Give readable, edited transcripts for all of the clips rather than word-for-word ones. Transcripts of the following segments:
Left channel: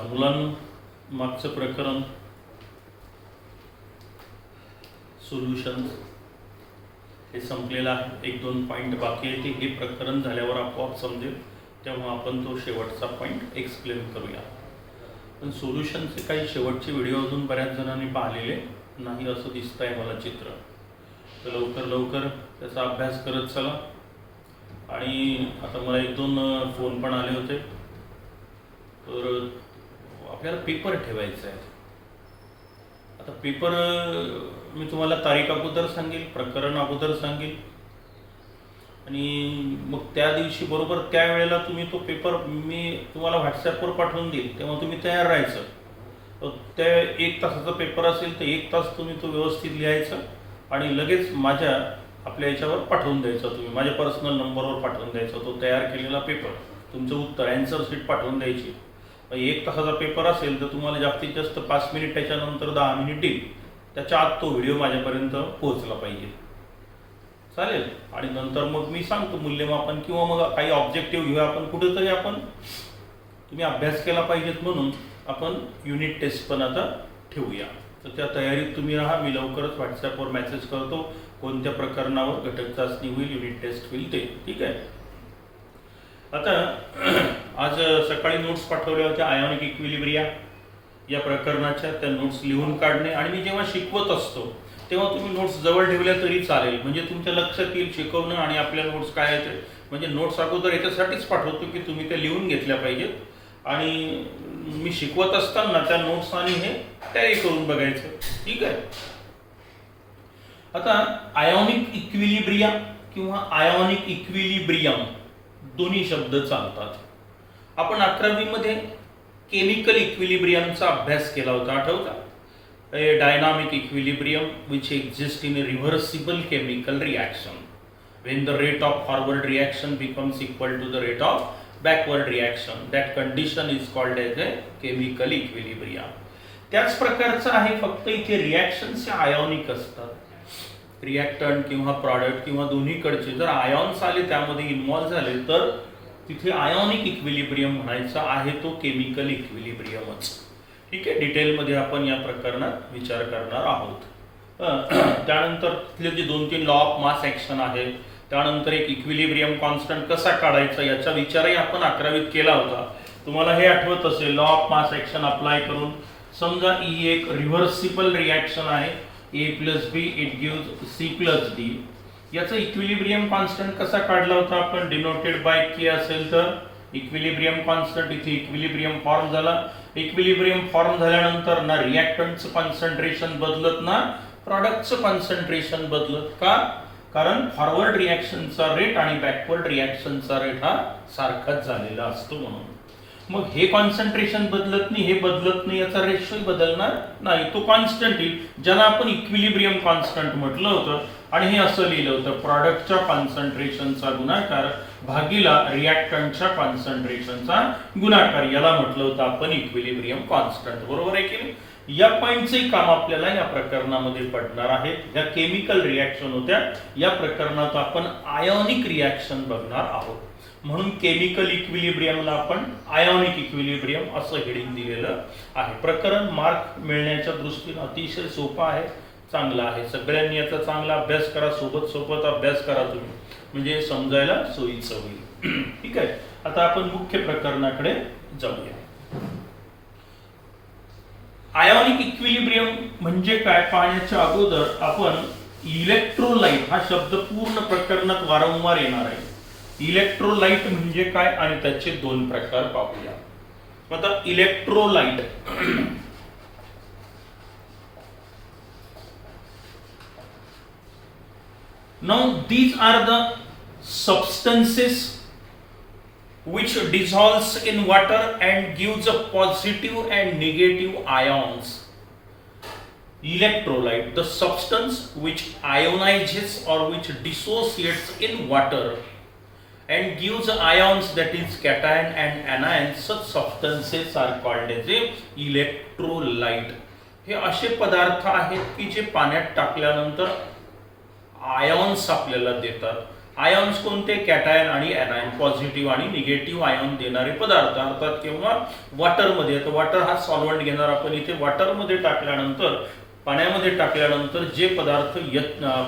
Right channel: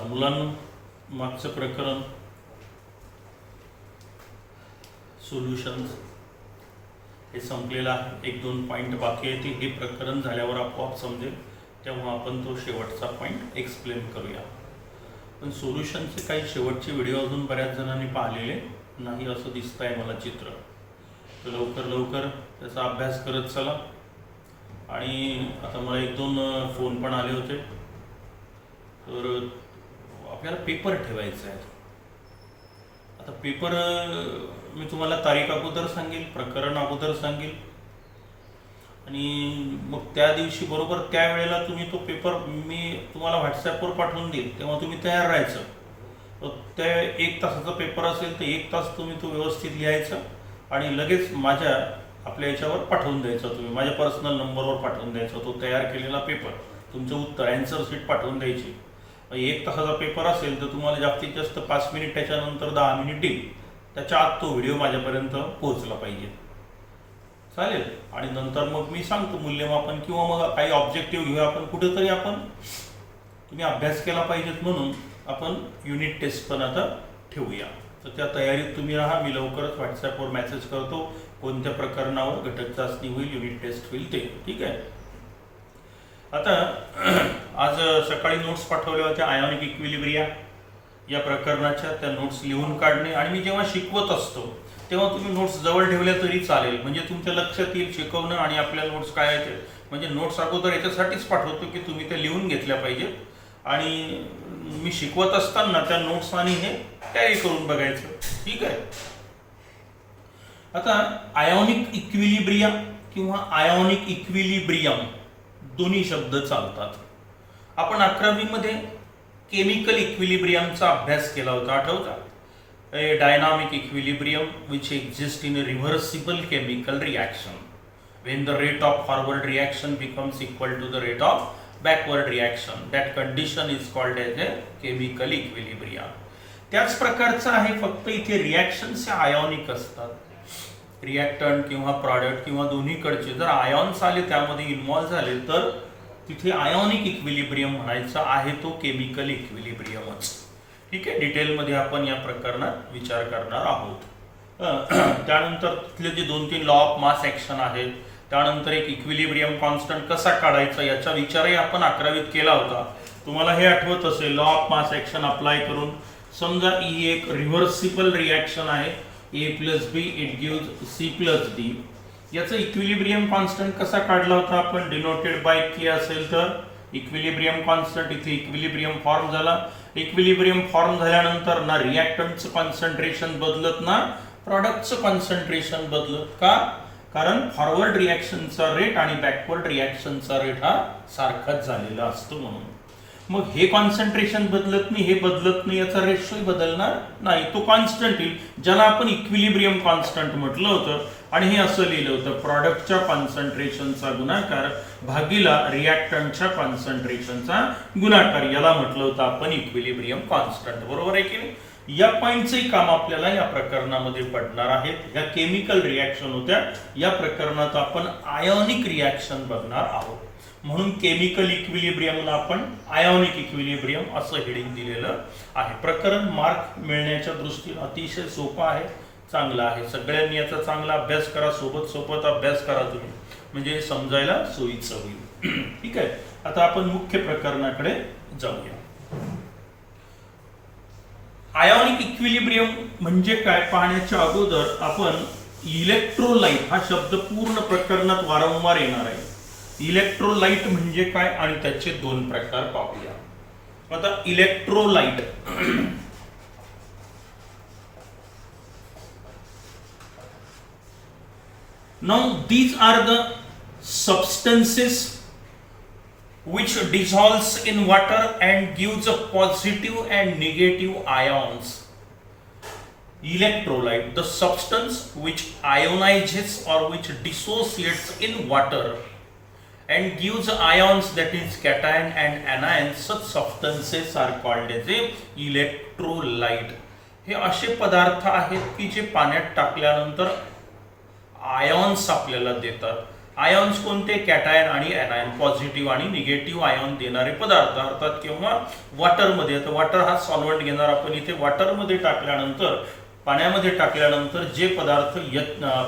मुलांनो, मागचं प्रकरण सोल्युशन्स हे संपलेलं आहे. एक दोन पॉईंट बाकी आहे. हे प्रकरण झाल्यावर आपोआप समजेल, तेव्हा आपण तो शेवटचा पॉईंट एक्सप्लेन करूया. पण सोल्युशनचे काही शेवटचे व्हिडिओ अजून बऱ्याच जणांनी पाहिलेले नाही असं दिसतंय मला चित्र. तर लवकर लवकर त्याचा अभ्यास करत चला. आणि आता मला एक दोन फोन पण आले होते. तर आपल्याला पेपर ठेवायचा आहे. आता पेपर मी तुम्हाला तारीख अगोदर सांगेल, प्रकरण अगोदर सांगेल, आणि मग त्या दिवशी बरोबर त्या वेळेला तुम्ही तो पेपर मी तुम्हाला व्हॉट्सॲपवर पाठवून देईल, तेव्हा तुम्ही तयार राहायचं. त्या 1 तासाचा पेपर असेल तर 1 तास तुम्ही तो व्यवस्थित लिहायचा आणि लगेच माझ्या आपल्या याच्यावर पाठवून द्यायचा. तुम्ही माझ्या पर्सनल नंबरवर पाठवून द्यायचा तो तयार केलेला पेपर, तुमचं उत्तर ॲन्सर शीट पाठवून द्यायची. 1 तासाचा पेपर असेल तर तुम्हाला जास्तीत जास्त 5 मिनिट, त्याच्यानंतर 10 मिनिट देईल. त्याच्या आत तो व्हिडिओ माझ्यापर्यंत पोहोचला पाहिजे. चालेल. आणि नंतर मग मी सांगतो मूल्यमापन, किंवा मग काही ऑब्जेक्टिव्ह घेऊया आपण कुठेतरी. आपण तुम्ही अभ्यास केला पाहिजेत म्हणून आपण युनिट टेस्ट पण आता ठेवूया. तर त्या तयारीत तुम्ही राहा. मी लवकरच व्हॉट्सॲपवर मेसेज करतो कोणत्या प्रकरणावर घटक चाचणी होईल, युनिट टेस्ट होईल ते. ठीक आहे. आता आज सकाळी नोट्स पाठवल्या होत्या आयोनिक इक्विलिब्रिया या प्रकरणाच्या. त्या नोट्स लिहून काढणे. आणि मी जेव्हा शिकवत असतो तेव्हा तुम्ही नोट्स जवळ ठेवल्या तरी चालेल, म्हणजे तुमच्या लक्षात येईल शिकवणं आणि आपल्या नोट्स काय आहेत. म्हणजे नोट्स अगोदर याच्यासाठीच पाठवतो की तुम्ही त्या लिहून घेतल्या पाहिजेत, आणि मी शिकवत असताना त्या नोट्स आणि हे टॅली करून बघायचं. ठीक आहे. आता आयोनिक इक्विलिब्रिया किंवा आयोनिक इक्विलिब्रियम दोन्ही शब्द चालतात. आपण 11वी मध्ये केमिकल इक्विलिब्रियमचा अभ्यास केला होता, आठवता? Dynamic equilibrium which exist in a reversible chemical reaction when the rate of forward reaction becomes equal to the rate of backward reaction. That condition is called as a chemical equilibrium. त्याच प्रकारचं आहे, फक्त इथे reactions ionic असतात. Reactant किंवा product किंवा दोन्हीकडचे जर ions आले त्यामध्ये इन्व्हॉल्व झाले तर तिथे आयोनिक इक्विलिब्रियम म्हणायचा आहे, तो केमिकल इक्विलिब्रियमच. ठीक आहे. डिटेलमध्ये आपण या प्रकरणात विचार करणार आहोत. त्यानंतर तिथले जे 2-3 लॉ ऑफ मास ॲक्शन आहेत, त्यानंतर एक इक्विलिब्रियम कॉन्स्टंट कसा काढायचा याचा विचारही आपण 11वीत केला होता. तुम्हाला हे आठवत असेल, law of mass action apply करून समजा ही एक रिव्हर्सिबल रिॲक्शन आहे, A plus B it gives C plus D. याचा इक्विलिब्रियम कॉन्स्टंट कसा काढला होता आपण? डिनोटेड बाय K असेल तर इक्विलिब्रियम कॉन्स्टंट, इथे इक्विलिब्रियम फॉर्म झाला. इक्विलिब्रियम फॉर्म झाल्यानंतर ना रिॲक्टंटचं कॉन्सन्ट्रेशन बदलत ना प्रॉडक्टचं कॉन्सन्ट्रेशन बदलत. का? कारण फॉरवर्ड रिॲक्शनचा रेट आणि बॅकवर्ड रिॲक्शनचा रेट हा सारखाच झालेला असतो म्हणून. मग हे कॉन्सन्ट्रेशन बदलत नाही, हे बदलत नाही, याचा रेशोही बदलणार नाही, तो कॉन्स्टंट येईल, ज्याला आपण इक्विलिब्रियम कॉन्स्टंट म्हटलं होतं. आणि हे असं लिहिलं होतं, प्रॉडक्टच्या कॉन्सन्ट्रेशनचा गुणाकार भागीला रिॲक्टंटच्या कॉन्सन्ट्रेशनचा गुणाकार, याला म्हटलं होतं आपण इक्विलिब्रियम कॉन्स्टंट. बरोबर आहे की नाही? या पॉईंटचंही काम आपल्याला या प्रकरणामध्ये पडणार आहे. या केमिकल रिॲक्शन होत्या, या प्रकरणात आपण आयोनिक रिॲक्शन बघणार आहोत. म्हणून केमिकल इक्विलिब्रियमला आपण आयोनिक इक्विलिब्रियम असं हेडिंग दिलेलं आहे. प्रकरण मार्क मिळण्याच्या दृष्टीने अतिशय सोपं आहे, चांगलं आहे. सगळ्यांनी याचा चांगला अभ्यास करा, सोबत सोबत अभ्यास करा तुम्ही, म्हणजे समजायला सोयीचं होईल. ठीक आहे. आता आपण मुख्य प्रकरणाकडे जाऊया. आयोनिक इक्विलिब्रियम म्हणजे काय पाहण्याच्या अगोदर आपण इलेक्ट्रोलाइट हा शब्द पूर्ण प्रकरणात वारंवार येणार आहे. इलेक्ट्रोलाइट म्हणजे काय आणि त्याचे 2 प्रकार पाहूया. आता electrolyte, now these are the substances which dissolves in water and gives a positive and negative ions. Electrolyte, the substance which ionizes or which dissociates in water and gives ions, that is cation and anions. Such substances are called as a electrolyte. हे असे पदार्थ आहेत की जे पाण्यात टाकल्यानंतर ions आपल्याला देतात. आयॉन्स कोणते? कॅटायन आणि ऍनायन, पॉझिटिव्ह आणि निगेटिव्ह आयॉन देणारे पदार्थ. अर्थात किंवा वॉटरमध्ये, तर वॉटर हा सॉल्व्हंट घेणार आपण इथे. वॉटरमध्ये टाकल्यानंतर, पाण्यामध्ये टाकल्यानंतर जे पदार्थ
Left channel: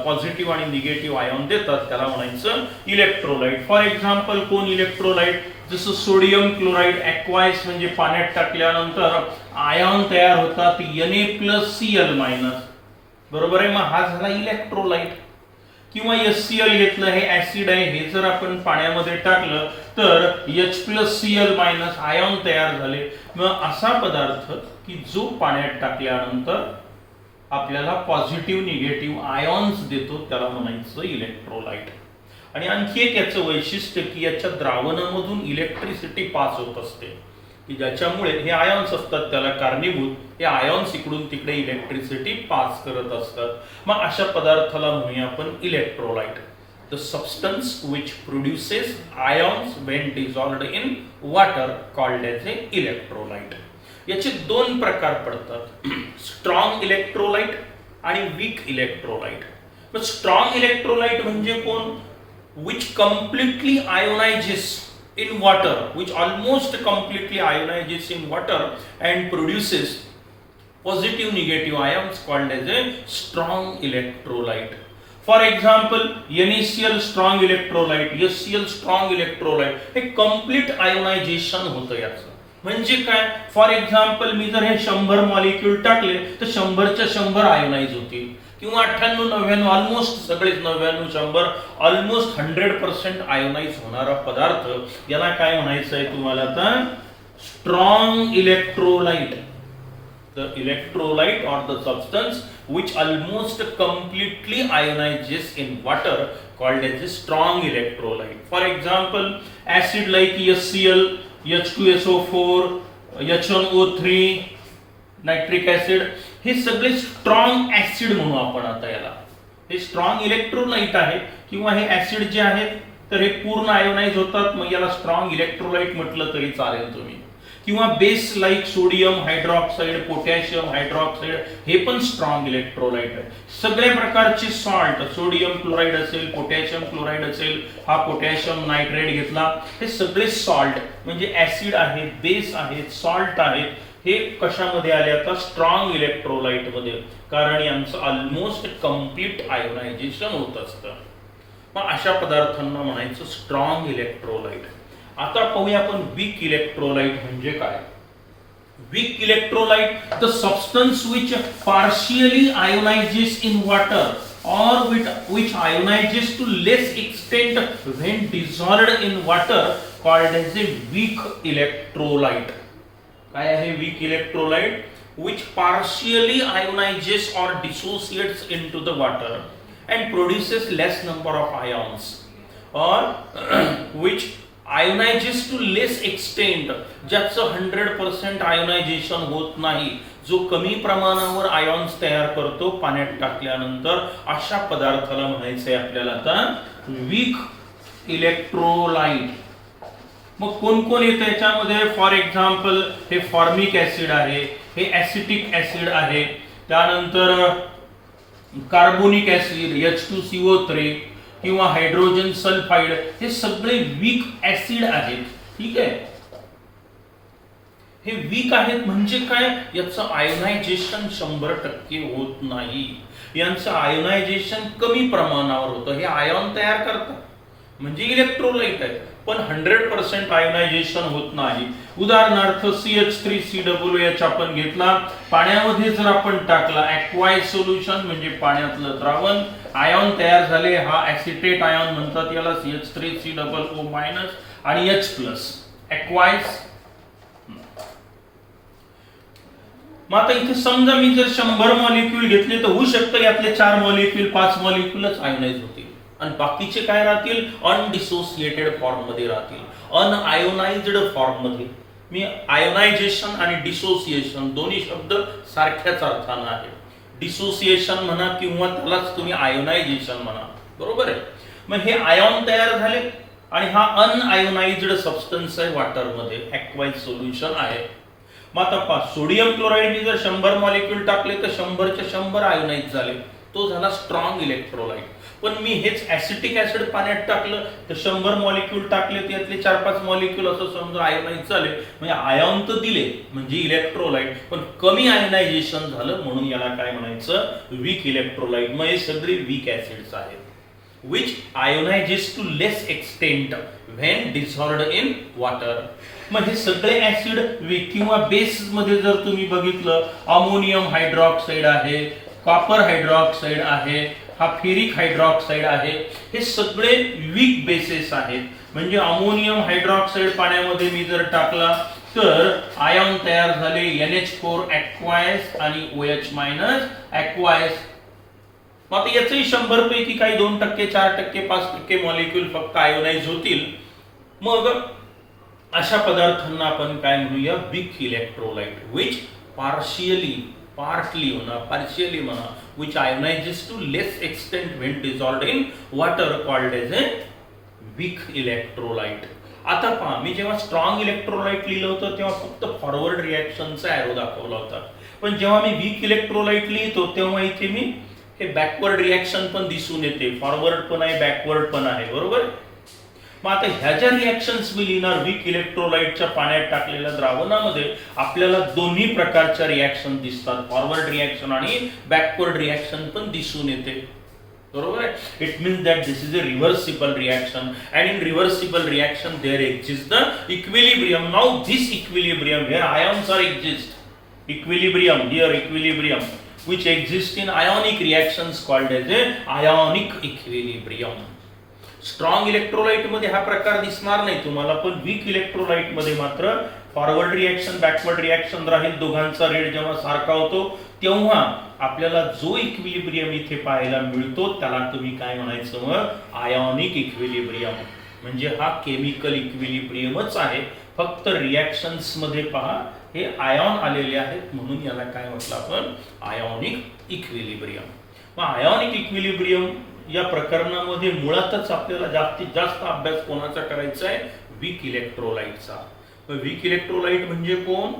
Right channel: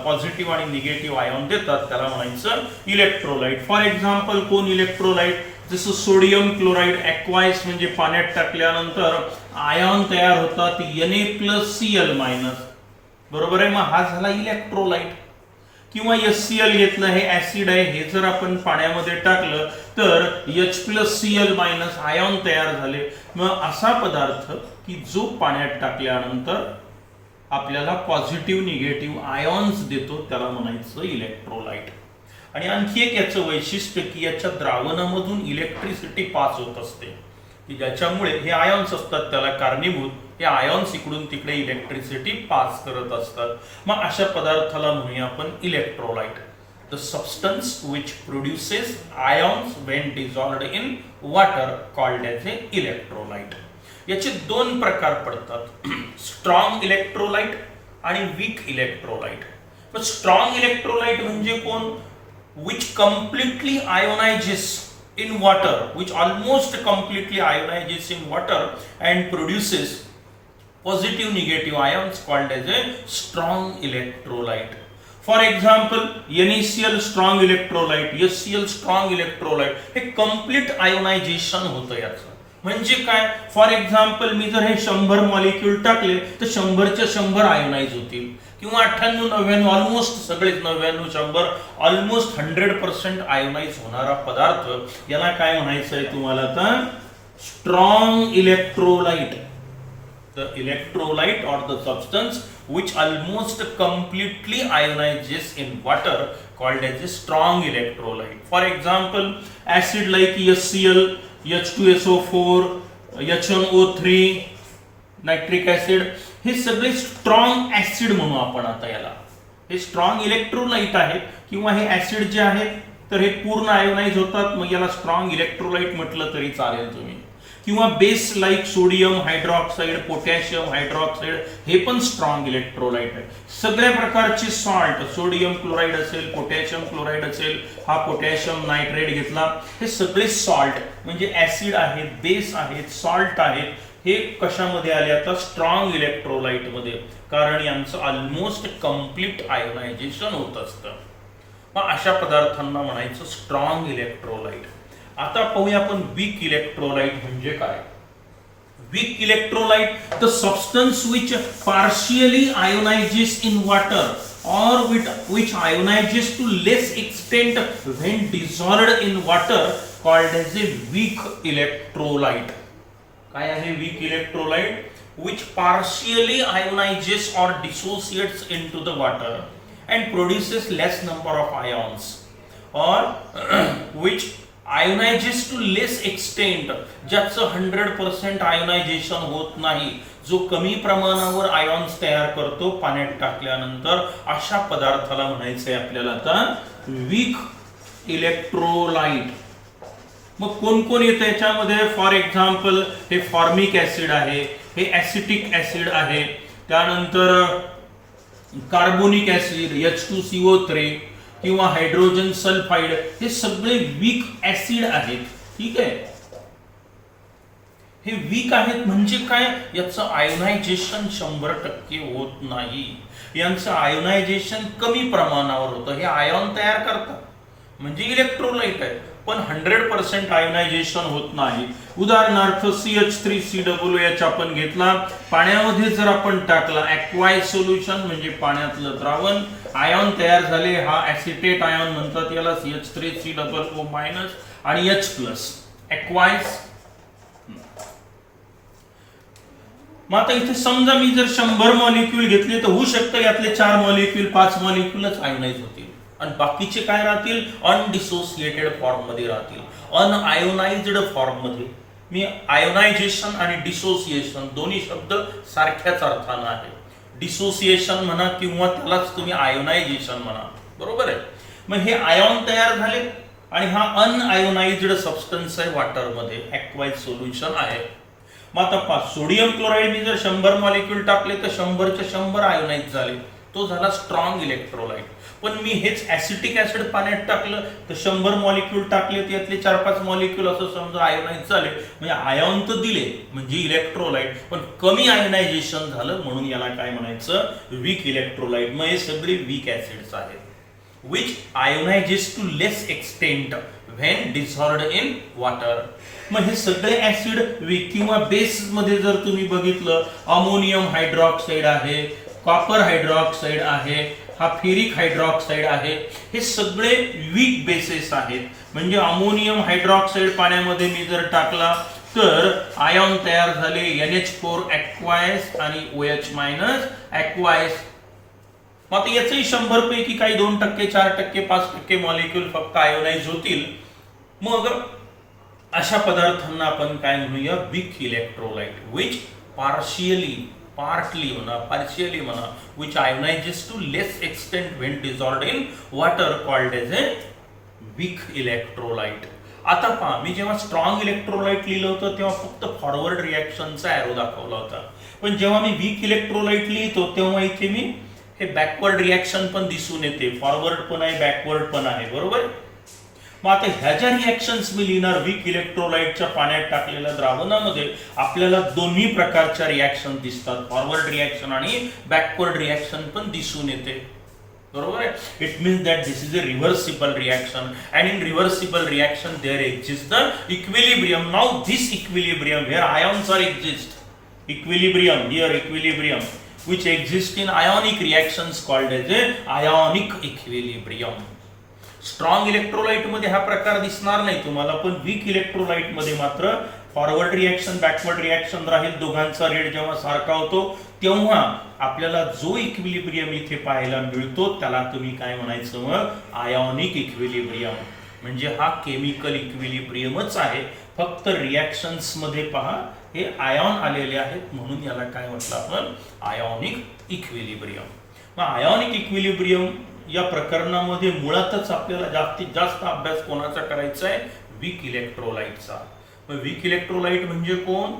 पॉझिटिव्ह आणि निगेटिव्ह आयॉन देतात त्याला म्हणायचं इलेक्ट्रोलाइट. फॉर एक्झाम्पल कोण इलेक्ट्रोलाइट? जसं सोडियम क्लोराईड ॲक्वाइस, म्हणजे पाण्यात टाकल्यानंतर आयॉन तयार होतात Na+Cl-, बरोबर आहे. मग हा झाला इलेक्ट्रोलाइट. किंवा HCl घेतलं, हे ऍसिड आहे, हे जर आपण पाण्यामध्ये टाकलं तर H+Cl- आयॉन तयार झाले. मग असा पदार्थ की जो पाण्यात टाकल्यानंतर आपल्याला पॉझिटिव्ह निगेटिव्ह आयॉन्स देतो त्याला म्हणायचं इलेक्ट्रोलाइट. आणि आणखी एक याचं वैशिष्ट्य की याच्या द्रावणामधून इलेक्ट्रिसिटी पास होत असते, की ज्याच्यामुळे हे आयॉन्स असतात त्याला कारणीभूत, हे आयॉन्स इकडून तिकडे इलेक्ट्रिसिटी पास करत असतात. मग अशा पदार्थाला म्हणूया आपण electrolyte. The substance which produces ions when dissolved in water called as a electrolyte. याचे दोन प्रकार पडतात, स्ट्रॉंग इलेक्ट्रोलाइट आणि वीक इलेक्ट्रोलाइट. मग स्ट्रॉंग इलेक्ट्रोलाइट म्हणजे कोण? Which completely ionizes in water, which almost completely ionizes in water and produces positive negative ions called as a strong electrolyte. For example, NaCl strong electrolyte, HCl strong electrolyte, हे complete ionization होतं याचं. म्हणजे काय? For example मी जर हे 100 molecule टाकले तर 100च्या 100 ionise होतील, किंवा 98, 99, ऑलमोस्ट सगळेच 99, 100, ऑलमोस्ट 100% आयोनाइज होणारा पदार्थ, याला काय म्हणायचं आहे तुम्हाला आता? Strong electrolyte. द इलेक्ट्रोलाइट और the substance which almost completely ionizes in water called as a strong electrolyte. For example, acid like HCl, H2SO4, H1O3, nitric acid, हे सगळे स्ट्रॉंग ऍसिड म्हणू आपण आता याला. हे स्ट्रॉंग इलेक्ट्रोलाइट आहे, किंवा हे ऍसिड जे आहेत तर हे पूर्ण आयोनाइज होतात, मग याला स्ट्रॉंग इलेक्ट्रोलाइट म्हटलं तरी चालेल तुम्ही. किंवा base like sodium hydroxide, potassium hydroxide, हे पण स्ट्रॉंग इलेक्ट्रोलाइट आहे. सगळ्या प्रकारचे सॉल्ट, सोडियम क्लोराईड असेल, पोटॅशियम क्लोराईड असेल, हा पोटॅशियम नायट्रेट घेतला, हे सगळे सॉल्ट म्हणजे ऍसिड आहेत, बेस आहेत, सॉल्ट आहेत, हे कशामध्ये आले आता? स्ट्रॉंग इलेक्ट्रोलाइट मध्ये, कारण यांचं ऑलमोस्ट कम्प्लीट आयोनायझेशन होत असतं. मग अशा पदार्थांना म्हणायचं स्ट्रॉंग इलेक्ट्रोलाइट. आता पाहूया आपण वीक इलेक्ट्रोलाइट म्हणजे काय. Weak electrolyte, the substance which partially ionizes in water or which ionizes to less extent when dissolved in water called as a weak electrolyte. काय आहे weak electrolyte? Which partially ionizes or dissociates into the water and produces less number of ions, or which ionizes to less extent, ज्याचं 100% ionisation होत नाही, जो कमी प्रमाणावर ions तयार करतो पाण्यात टाकल्यानंतर, अशा पदार्थाला म्हणायचंय आपल्याला आता वीक इलेक्ट्रोलाइट. मग कोण कोण येतं याच्यामध्ये? फॉर एक्झाम्पल हे फॉर्मिक ऍसिड आहे, हे ऍसिटिक ऍसिड आहे, त्यानंतर कार्बोनिक ऍसिड H2CO3 किंवा हायड्रोजन सल्फाइड, हे सगळे वीक ऍसिड आहेत. ठीक आहे, हे वीक आहेत म्हणजे काय? याचं आयोनायझेशन 100% होत नाही, यांचं आयोनायझेशन कमी प्रमाणावर होतं. हे आयॉन तयार करतात म्हणजे इलेक्ट्रोलाइट आहे, पण 100% आयोनायझेशन होत नाही. उदाहरणार्थ CH3COOH आपण घेतला, पाण्यामध्ये जर आपण टाकला, ॲक्वाइज सोल्युशन म्हणजे पाण्यातलं द्रावण, आयॉन तयार झाले, हा ऍसिटेट आयॉन म्हणतात याला, CH3COO- आणि H+, ॲक्वाइज. मग आता इथे समजा मी जर 100 मॉलिक्यूल घेतले तर होऊ शकतं यातले 4 मॉलिक्यूल 5 मॉलिक्यूलच आयोनाइज होतील, आणि बाकीचे काय राहतील? अनडिसोसिएटेड फॉर्म मध्ये राहतील, अनआयोनाइज्ड फॉर्म मध्ये. मी आयोनायझेशन आणि डिसोसिएशन दोन्ही शब्द सारख्याच अर्थानं आहे. डिसोसिएशन म्हणा किंवा त्यालाच तुम्ही आयोनायझेशन म्हणा, बरोबर आहे. मग हे आयॉन तयार झाले आणि हा अनआयोनाइज्ड सबस्टन्स आहे वॉटरमध्ये, ॲक्वाइज सोल्युशन आहे. मग आता सोडियम क्लोराईड मी जर 100 मॉलिक्यूल टाकले तर 100च्या 100 आयोनाइज झाले, तो झाला स्ट्रॉंग इलेक्ट्रोलाइट. पण मी हेच ऍसिटिक ऍसिड पाण्यात टाकलं तर 100 मॉलिक्यूल टाकले त्यातले 4-5 मॉलिक्यूल असं समजा आयोनाइज झाले, म्हणजे आयॉन तर दिले म्हणजे इलेक्ट्रोलाइट, पण कमी आयोनायझेशन झालं म्हणून याला काय म्हणायचं, वीक इलेक्ट्रोलाइट. मग हे सगळे वीक ऍसिड्स आहेत which ionizes to less extent when dissolved in water. मग हे सगळे ऍसिड किंवा बेस मध्ये जर तुम्ही बघितलं, अमोनियम हायड्रॉक्साईड आहे, कॉपर हायड्रॉक्साईड आहे, हा फेरिक हायड्रॉक्साईड आहे, हे सगळे वीक बेसेस आहेत. म्हणजे अमोनियम हायड्रॉक्साईड पाण्यामध्ये मी जर टाकला तर आयॉन तयार झाले NH4 aqueous आणि OH- aqueous. मग याचे 100 पैकी काही 2%, 4%, 5% मॉलिक्यूल फक्त आयोनाइज होतील. मग अशा पदार्थांना आपण काय म्हणूया, वीक इलेक्ट्रोलाइट, विच पार्टली म्हणा which ionizes to less extent when dissolved in water, called as a weak electrolyte. आता पहा, मी जेव्हा स्ट्रॉंग इलेक्ट्रोलाइट लिहिलं होतं तेव्हा फक्त फॉरवर्ड रिॲक्शनचा एरो दाखवला होता, पण जेव्हा मी वीक इलेक्ट्रोलाइट लिहितो तेव्हा इथे मी हे बॅकवर्ड रिॲक्शन पण दिसून येते, फॉरवर्ड पण आहे, बॅकवर्ड पण आहे, बरोबर. मग आता ह्या ज्या रिॲक्शन्स मी लिहिणार वीक इलेक्ट्रोलाइटच्या पाण्यात टाकलेल्या द्रावणामध्ये, आपल्याला दोन्ही प्रकारच्या रिॲक्शन दिसतात, फॉरवर्ड रिॲक्शन आणि बॅकवर्ड रिॲक्शन पण दिसून येते, बरोबर आहे. It means that this is a reversible reaction, and in reversible reaction there exist the equilibrium. Now this equilibrium where ions are exist, equilibrium here, equilibrium which exist in ionic reactions called as a ionic equilibrium. Strong electrolyte मध्ये हा प्रकार दिसणार नाही तुम्हाला, पण weak electrolyte मध्ये मात्र forward reaction, backward reaction राहील, दोघांचा रेट जेव्हा सारखा होतो तेव्हा आपल्याला जो इक्विलिब्रियम इथे पाहायला मिळतो त्याला तुम्ही काय म्हणायचं, मग आयोनिक इक्विलिब्रियम. म्हणजे हा केमिकल इक्विलिब्रियमच आहे, फक्त रिॲक्शन्स मध्ये पहा हे आयॉन आलेले आहेत म्हणून याला काय म्हटलं आपण, आयोनिक इक्विलिब्रियम. मग आयोनिक इक्विलिब्रियम या प्रकरणामध्ये मुळातच आपल्याला जास्तीत जास्त अभ्यास कोणाचा करायचा आहे, वीक इलेक्ट्रोलाइटचा. मग वीक इलेक्ट्रोलाइट म्हणजे कोण,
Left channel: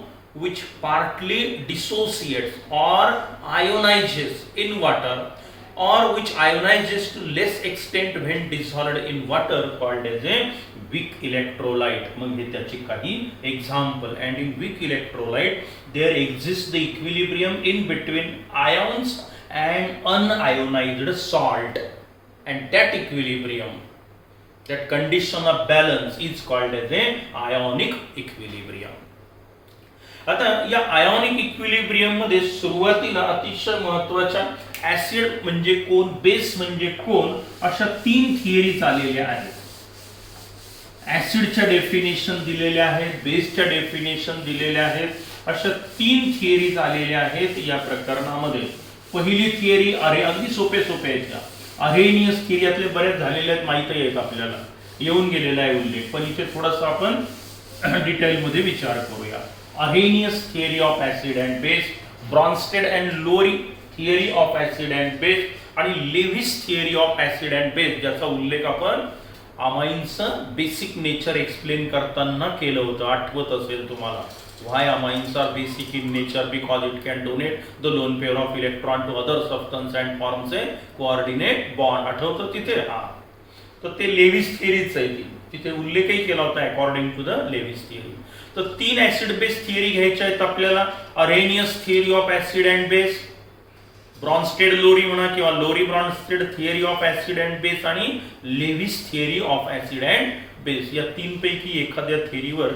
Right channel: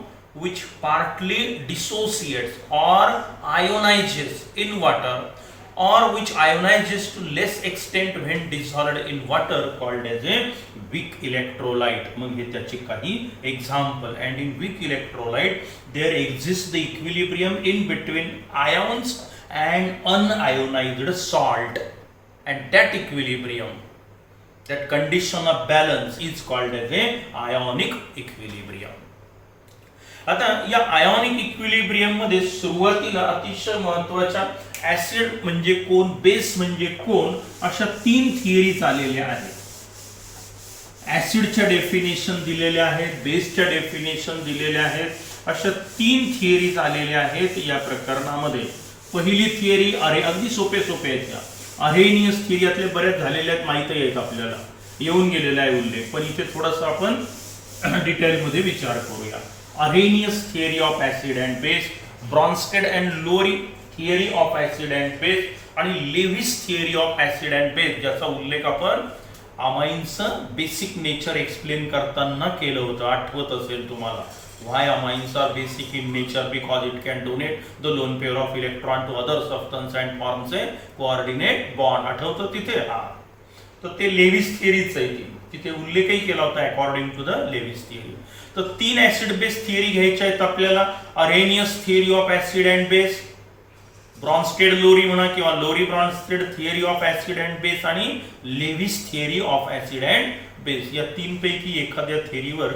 विच पार्टली डिसोसिएट्स और ionizes in water, or which ionizes to less extent when dissolved in water, called as a weak electrolyte. मग हे त्याची काही example. And in weak electrolyte there exists the equilibrium in between ions and unionized salt, and that equilibrium, that condition of balance is called as a ionic equilibrium. आता या ionic equilibrium मध्ये सुरुवातीला अतिशय महत्वाच्या ऍसिड म्हणजे कोण, base म्हणजे कोण, अशा 3 थिअरीज आलेल्या आहेत. ऍसिडच्या डेफिनेशन दिलेल्या आहेत, बेसच्या डेफिनेशन दिलेल्या आहेत, अशा 3 थिअरीज आलेल्या आहेत या प्रकरणामध्ये. पहिली थिअरी अगदी सोपे आहेत त्या, अरेनियस थिअरी, यातले बरेच झालेले आहेत, माहिती आहेत आपल्याला, येऊन गेलेला आहे उल्लेख, पण इथे थोडासा आपण डिटेलमध्ये विचार करूया. Arrhenius theory of acid and base, Bronsted and Lowry theory of acid and base, आणि Lewis theory of acid and base, ज्याचा उल्लेख आपण अमाइन्सचं बेसिक नेचर एक्सप्लेन करताना केलं होतं, आठवत असेल तुम्हाला. Why amines are basic in nature? Because it can donate the lone pair of electron to other substance and forms a coordinate bond. आठवतं तिथे, हा, तर ते लेविस थिअरीच आहे, तिथे उल्लेखही केला होता according to the Lewis theory. तर 3 ऍसिड बेस थिअरी घ्यायच्या आहेत आपल्याला. Arrhenius theory of acid and base, Bronsted Lowry म्हणा किंवा Lowry Bronsted theory of acid and base, आणि Lewis theory of acid and base. या 3 पैकी एखाद्या थिअरीवर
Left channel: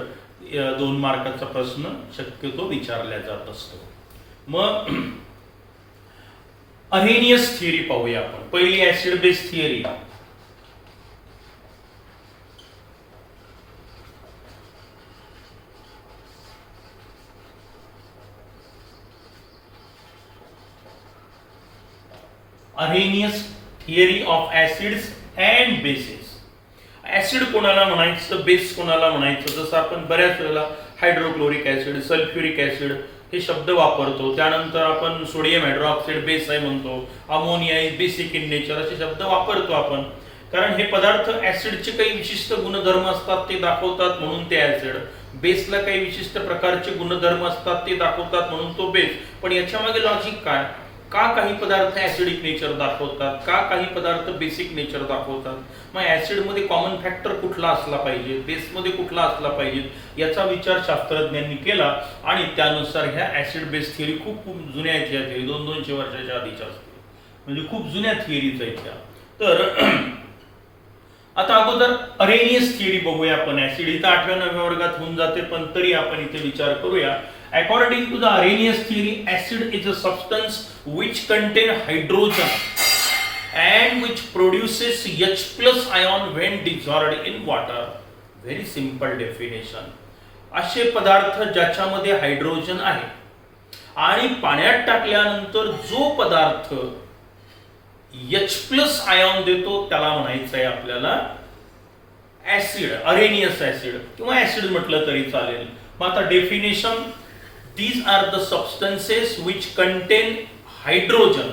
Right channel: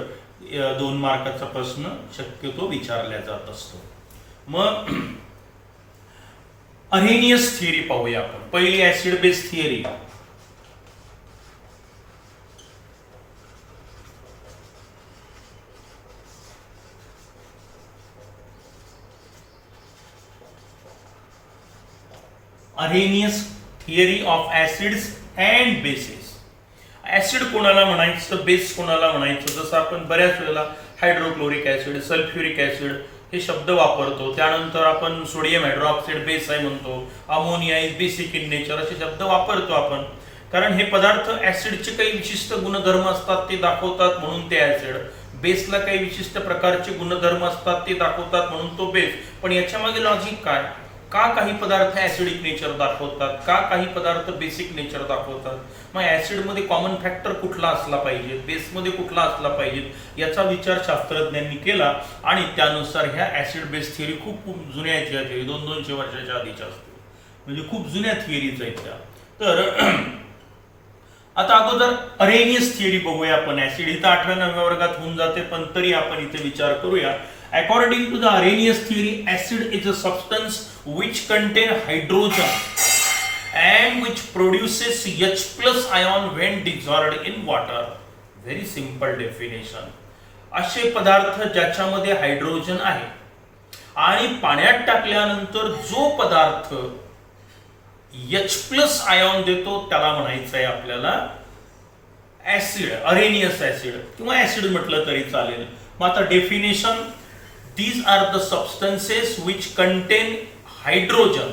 2 मार्काचा प्रश्न शक्यतो विचारला जात असतो. मग अरेनियस थिअरी पाहूया आपण. पहिली acid base theory. Arrhenius theory of acids and bases. Acid कोणाला म्हणायचं, बेस कोणाला म्हणायचं, जसं आपण बऱ्याच वेळेला हायड्रोक्लोरिक ऍसिड, सल्फ्युरिक ऍसिड हे शब्द वापरतो. त्यानंतर आपण सोडियम हायड्रॉक्साईड बेस आहे म्हणतो, ammonia is basic in nature असे शब्द वापरतो आपण, कारण हे पदार्थ ऍसिडचे काही विशिष्ट गुणधर्म असतात ते दाखवतात म्हणून ते ऍसिड, बेसला काही विशिष्ट प्रकारचे गुणधर्म असतात ते दाखवतात म्हणून तो बेस. पण याच्या मागे लॉजिक काय, का काही पदार्थ ऍसिडिक नेचर दाखवतात, का काही पदार्थ बेसिक नेचर दाखवतात, मग ऍसिड मध्ये कॉमन फॅक्टर कुठला असला पाहिजे, बेस मध्ये कुठला असला पाहिजे, याचा विचार शास्त्रज्ञांनी केला आणि त्यानुसार ह्या ऍसिड बेस थिअरी खूप खूप जुन्या आहेत. या थिअरी 200 वर्षाच्या आधीच्या असतील, म्हणजे खूप जुन्या थिअरीज आहेत त्या. तर आता अगोदर अरेनियस थिअरी बघूया आपण. ऍसिड इथं 8व्या 9व्या वर्गात होऊन जाते, पण तरी आपण इथे विचार करूया. According to the Arrhenius theory, acid is a substance which contain hydrogen and which produces H plus ion when dissolved in water. Very simple definition. असे पदार्थ ज्याच्यामध्ये हायड्रोजन आहे आणि पाण्यात टाकल्यानंतर जो पदार्थ H प्लस आयॉन देतो त्याला म्हणायचं आहे आपल्याला ऍसिड, अरेनियस ऍसिड किंवा ऍसिड म्हटलं तरी चालेल. मग आता definition, these are the substances which contain hydrogen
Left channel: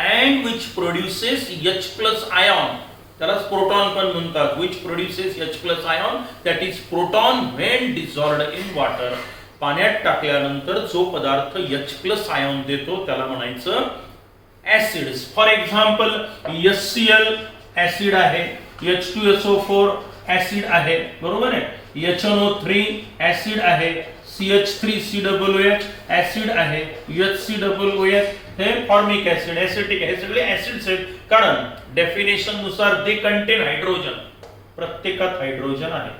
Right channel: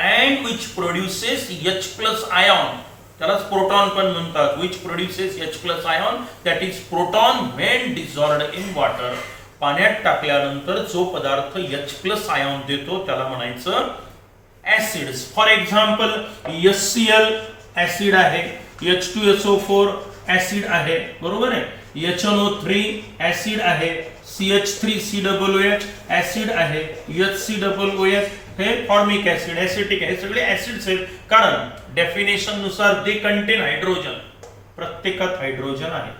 and which produces H plus ion. त्यालाच प्रोटॉन पण म्हणतात. which produces H plus ion, that is proton when dissolved in water. पाण्यात टाकल्यानंतर जो पदार्थ H plus ion देतो त्याला म्हणायचं acids. For example HCl acid आहे, H2SO4 ऍसिड आहे, बरोबर आहे, HNO3 ऍसिड आहे, CH3COOH ऍसिड आहे, HCOOH हे फॉर्मिक ऍसिड, ऍसिटिक आहे. हे सगळे ऍसिड्स आहेत कारण डेफिनेशन नुसार दे कंटेन हायड्रोजन, प्रत्येकात हायड्रोजन आहे.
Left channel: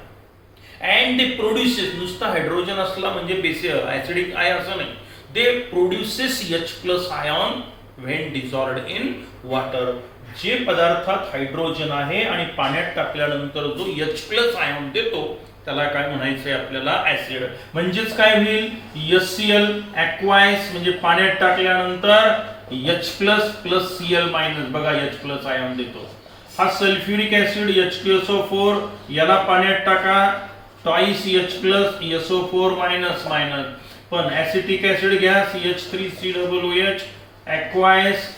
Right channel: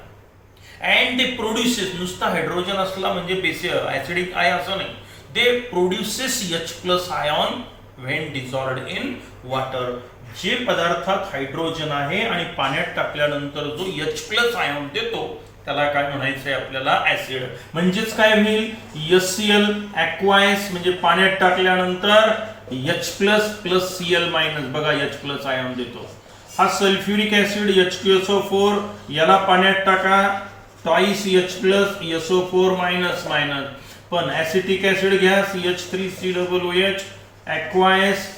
अँड दे प्रोड्युसेस, नुसता हायड्रोजन असला म्हणजे बेसिक ऍसिडिक आहे असं नाही, they produces H plus ion when dissolved in water. जे पदार्थात हायड्रोजन आहे आणि पाण्यात टाकल्यानंतर जो H प्लस आयॉन देतो त्याला काय म्हणायचंय आपल्याला ऍसिड. म्हणजेच काय होईल, HCl ऍक्वायस म्हणजे पाण्यात टाकल्यानंतर H plus plus Cl minus, बघा H प्लस आयॉन देतो. हा सल्फ्युरिक ऍसिड H2SO4 याला पाण्यात टाका, twice H plus SO4 minus minus. पण ऍसिटिक ऍसिड घ्या, CH3COOH ऍक्वायस,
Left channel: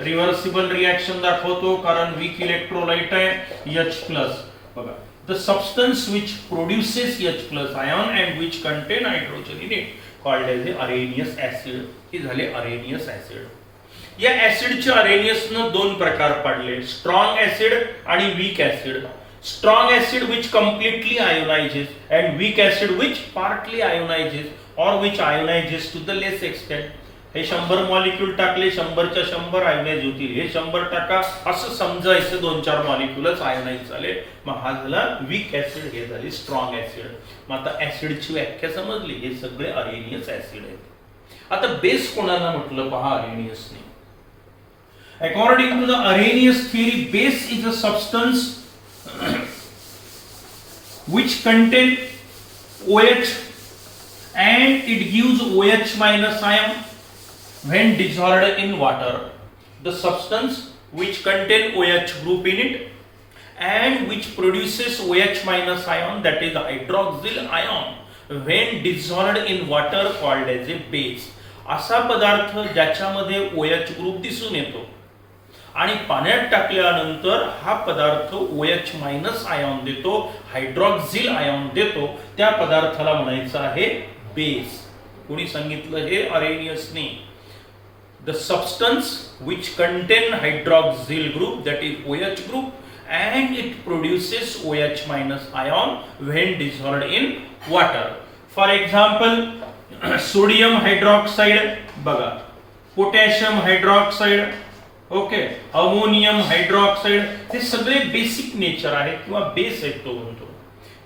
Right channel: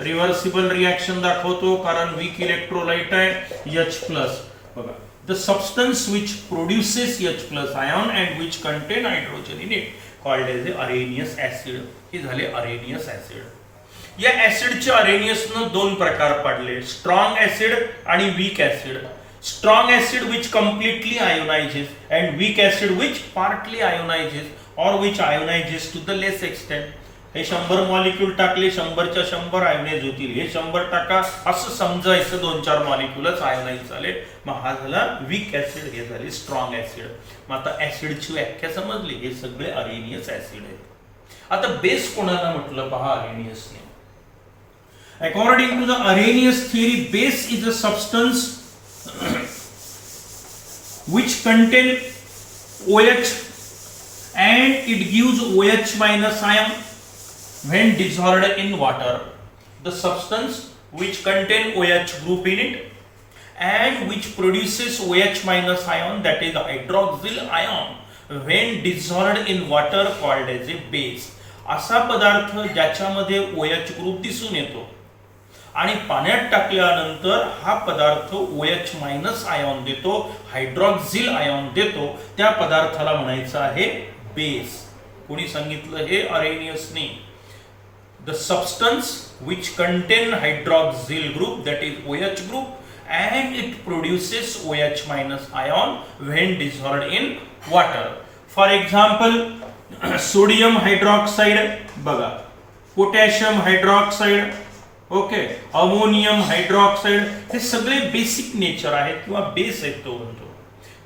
रिव्हर्सिबल रिएक्शन दाखवतो कारण वीक इलेक्ट्रोलाइट आहे H प्लस. बघा, the substance which produces H plus ion and which contain hydrogen in it called as the Arrhenius acid. हे झाले Arrhenius acid. या ऍसिडचे अरेनियसनं दोन प्रकार पडले, स्ट्रॉंग ऍसिड आणि weak acid. Strong acid which completely ionizes and weak acid which partly ionizes or which ionizes to the less extent. हे 100 molecule टाकले, 100च्या 100 ionise होतील, हे 100 टाका असं समजायचं, 2-4 मॉलिक्यूलच आयोनाइज झाले. मग हा झाला वीक ऍसिड, हे झाले स्ट्रॉंग ऍसिड. मग आता ऍसिडची व्याख्या समजली, हे सगळे अरेनियस ऍसिड आहेत. आता बेस कोणाला म्हटलं पहा अरेनियसने. According to the Arrhenius theory, base is a substance which contain OH and it gives OH minus ion when dissolved in water. The substance which contain OH group in it and which produces OH minus ion, that is hydroxyl ion, when dissolved in water called as a base. असा पदार्थ ज्याच्यामध्ये OH group दिसून येतो आणि पाण्यात टाकल्यानंतर हा पदार्थ OH मायनस आयॉन देतो, हायड्रॉक्झिल आयॉन देतो, त्या पदार्थाला म्हणायचं आहे बेस. कोणी सांगितलं हे? अरेनियसने. The substance which contain hydroxyl group, that is OH group, and it produces OH minus ion when dissolved in water. For example, sodium hydroxide बघा, potassium hydroxide, okay, ammonium hydroxide, हे सगळे बेसिक नेचर आहेत किंवा base आहेत तो म्हणतो.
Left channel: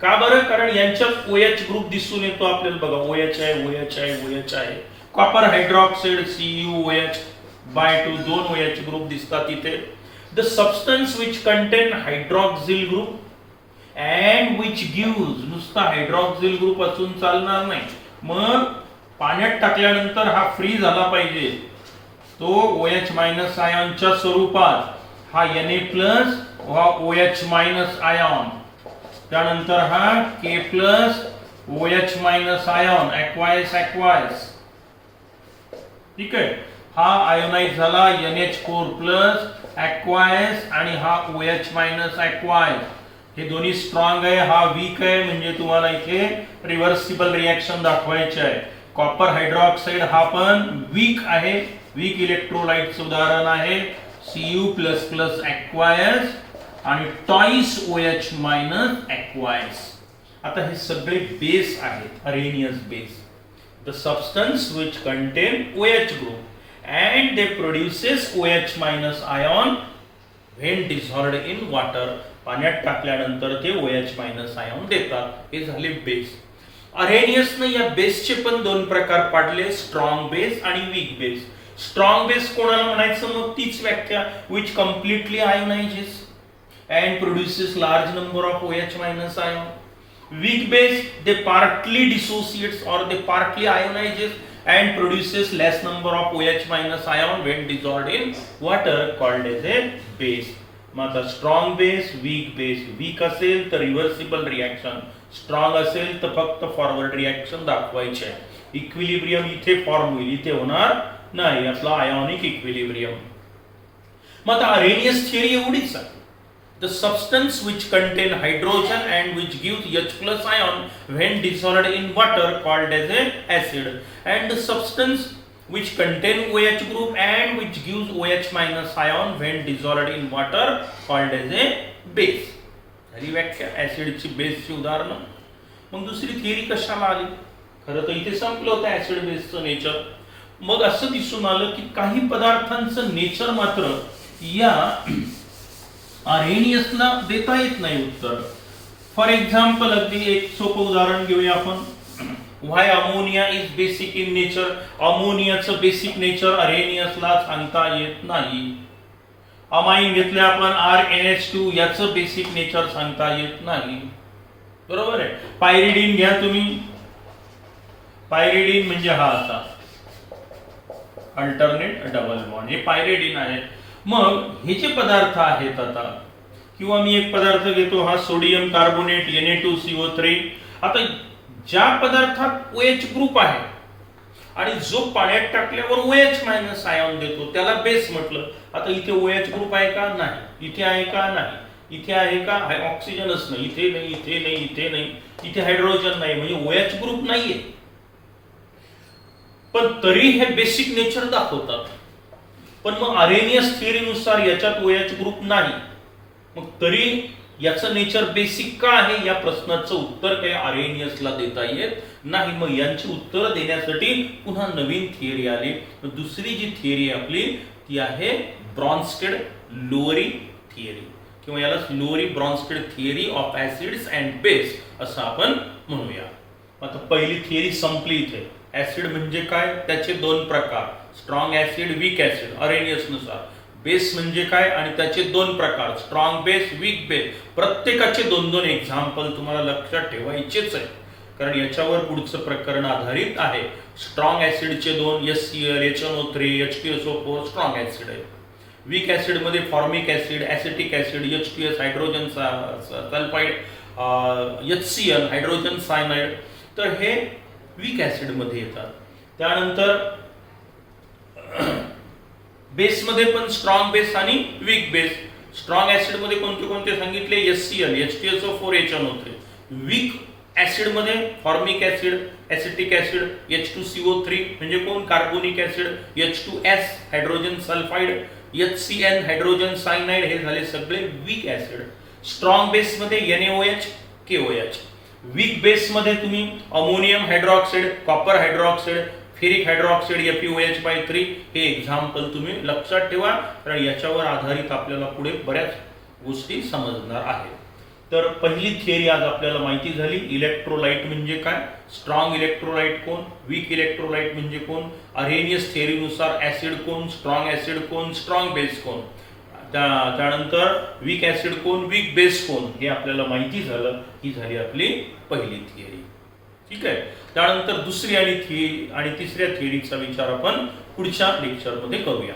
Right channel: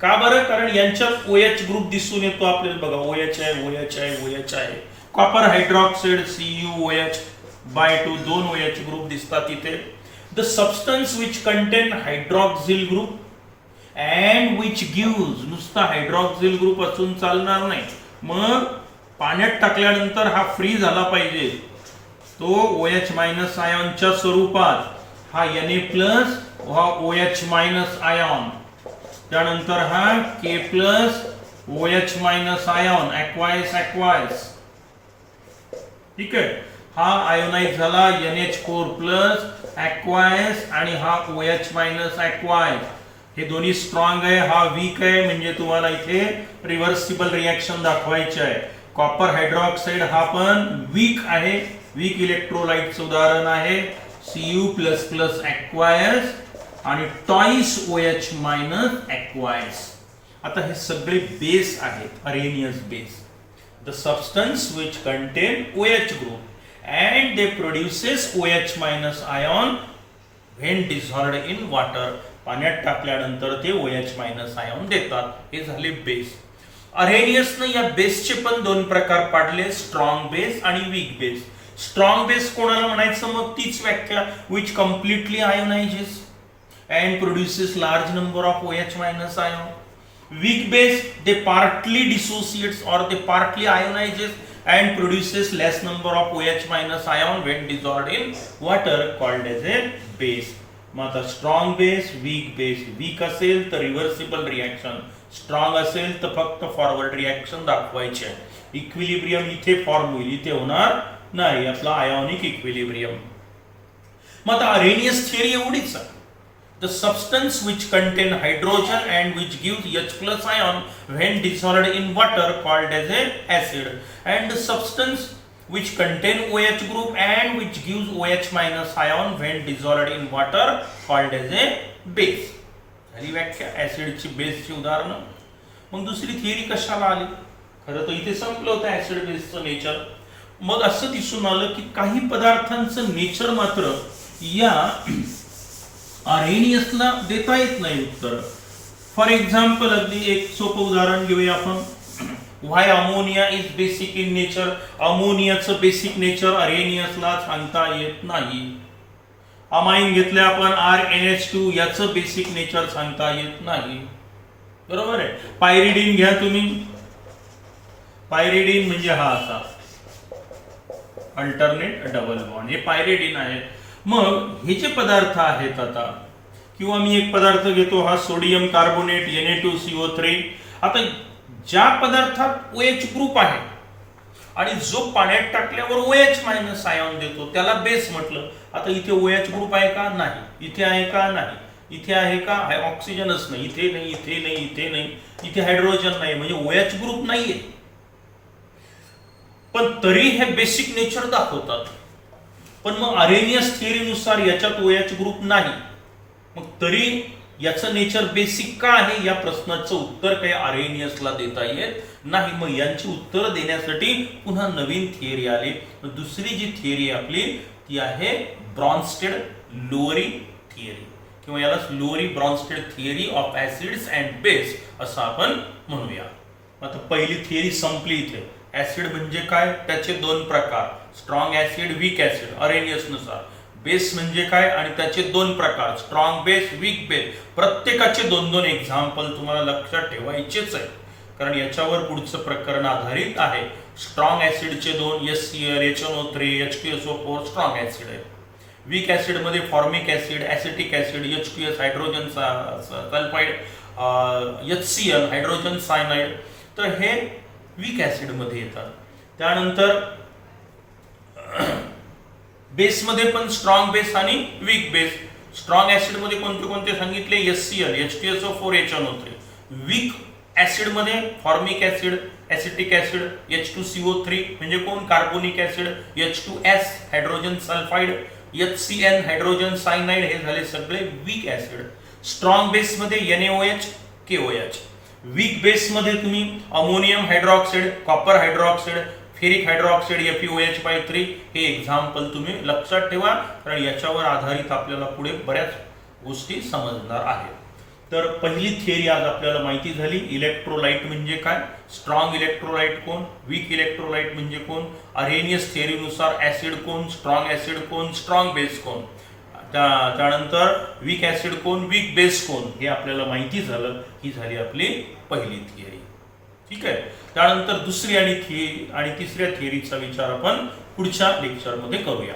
का बरं? कारण यांच्यात OH ग्रुप दिसून येतो आपल्याला. बघा, OH आहे, OH आहे, OH आहे. Copper hydroxide CuOH by 2, 2 OH group दिसतात इथे. The substance which contain hydroxyl group and which gives, नुसता हायड्रॉक्झिल ग्रुप असून चालणार नाही, मग पाण्यात टाकल्यानंतर हा फ्री झाला पाहिजे, तो OH मायनस आयॉनच्या स्वरूपात. हा Na प्लस, हा OH मायनस आयॉन, त्यानंतर हा K plus OH minus ion, aqueous aqueous, ठीक आहे. हा आयोनाइज झाला NH4 प्लस ऍक्वायस आणि हा OH मायनस ऍक्वायस. हे दोन्ही स्ट्रॉंग आहे, हा वीक आहे, म्हणजे तुम्हाला इथे रिव्हर्सिबल रिएक्शन दाखवायची आहे. कॉपर हायड्रॉक्साइड हा पण वीक आहे, वीक इलेक्ट्रोलाइटचं उदाहरण आहे Cu++ aqueous आणि टॉइस OH मायनस aqueous. आता हे सगळे बेस आहेत, Arrhenius base. The substance which contain OH group and they produces OH minus ion when dissolved in water. पाण्यात टाकल्यानंतर ते OH मायनस आयॉन देतात. हे झाले बेस. अरेनियसने या बेसचे पण दोन प्रकार पाडले, स्ट्रॉंग बेस आणि वीक बेस. स्ट्रॉंग बेस कोणाला म्हणायचं, मग तीच व्याख्या, which completely ionizes and produces large number of OH minus ion. Weak base, they partly dissociates or they partly ionizes and produces less number of OH minus ion when dissolved in water, called as a base. मग आता strong base, weak base. Weak असेल तर reversible reaction, strong असेल तर फक्त forward reaction दाखवायचे. Equilibrium इथे form होईल, इथे होणार नाही, आपला आयोनिक इक्विलिब्रियम. मग आता अरेनियस थिअरी एवढीच आहे. The substance which contain hydrogen and which gives H+ ion when dissolved in water, called as a acid, and the substance which contain OH group and which gives OH minus ion when dissolved in water, called as a base. झाली व्याख्या ऍसिडची, बेसची उदाहरणं. मग दुसरी theory कशाला आली? खरं तर इथे संपलं होतं ऍसिड बेसचं नेचर. मग असं दिसून आलं की काही पदार्थांचं नेचर मात्र या अरेनियसला देता येत नाही उत्तर. फॉर एक्झाम्पल, अगदी एक सोपं उदाहरण घेऊया आपण. Why ammonia is basic in nature. अमोनियाचं बेसिक नेचर अरेनियसला सांगता येत नाही. अमाइन घेतले आपण RnH2, याचं बेसिक नेचर सांगता येत नाही. बरोबर आहे. पायरिडिन घ्या तुम्ही. पायरिडिन म्हणजे हा असा अल्टरनेट डबल बॉन्ड, हे पायरिडिन आहे. मग हे जे पदार्थ आहेत आता, किंवा मी एक पदार्थ घेतो, हा सोडियम कार्बोनेट Na2CO3. आता ज्या पदार्थात OH ग्रुप आहे आणि जो पाण्यात टाकल्यावर OH मायनस आयॉन देतो त्याला बेस म्हटलं. आता इथे OH ग्रुप आहे का? नाही. इथे आहे का? नाही. इथे आहे का? ऑक्सिजनच नाही. इथे नाही, इथे नाही, इथे नाही, इथे हायड्रोजन नाही, म्हणजे OH ग्रुप नाहीये. पण तरी हे बेसिक नेचर दाखवतात. पण मग अरेनियस थिअरीनुसार याच्यात OH ग्रुप नाही, मग तरी याचं नेचर बेसिक का आहे या प्रश्नाचं उत्तर काही अरेनियसला देता येत नाही. मग यांची उत्तर देण्यासाठी पुन्हा नवीन थिअरी आली. दुसरी जी थिअरी आपली ती आहे ब्रॉन्स्टेड-लोअरी थिअरी, किंवा याला Lowry Bronsted theory of acids and base असं आपण म्हणूया. आता पहिली थिअरी संपली इथे. ऍसिड म्हणजे काय, त्याचे दोन प्रकार, strong acid, weak acid Arrhenius नुसार. बेस म्हणजे काय आणि त्याचे दोन प्रकार, स्ट्रॉंग बेस, वीक बेस. प्रत्येकाचे दोन दोन एक्झाम्पल तुम्हाला लक्षात ठेवायचेच आहे, कारण याच्यावर पुढचं प्रकरण आधारित आहे. स्ट्रॉंग ऍसिडचे दोन, HCl, HNO3, H2SO4 strong acid आहे. वीक ऍसिड मध्ये formic acid, acetic acid, H2S hydrogen sulphide, HCl hydrogen cyanide. तर हे वीक ऍसिड मध्ये येतात. त्यानंतर बेस मध्ये पण स्ट्रॉंग बेस आणि वीक बेस. स्ट्रॉंग ऍसिड मध्ये कोणते कोणते सांगितले? HCl, H2SO4, HNO3. Weak acid मध्ये formic acid, acetic acid, H2CO3 म्हणजे कोण? Carbonic acid, H2S hydrogen sulphide, HCl hydrogen cyanide. हे झाले सगळे वीक ऍसिड. स्ट्रॉंग बेस मध्ये NaOH, KOH. वीक बेस मध्ये तुम्ही ammonium hydroxide, copper hydroxide, ferric hydroxide FeOH3. हे एक्झाम्पल तुम्ही लक्षात ठेवा, कारण याच्यावर आधारित आपल्याला पुढे बऱ्याच गोष्टी समजणार आहेत. तर पहिली थिअरी आज आपल्याला माहिती झाली. इलेक्ट्रोलाइट म्हणजे काय, स्ट्रॉंग इलेक्ट्रोलाइट कोण, वीक इलेक्ट्रोलाइट म्हणजे कोण, अरेनियस थिअरीनुसार ऍसिड कोण, स्ट्रॉंग ऍसिड कोण, स्ट्रॉंग बेस कोण, त्यानंतर वीक ऍसिड कोण, वीक बेस कोण, हे आपल्याला माहिती झालं. ही झाली आपली पहिली थिअरी. ठीक आहे. त्यानंतर दुसरी आणि तिसऱ्या थिअरीचा विचार आपण पुढच्या लेक्चरमध्ये करूया.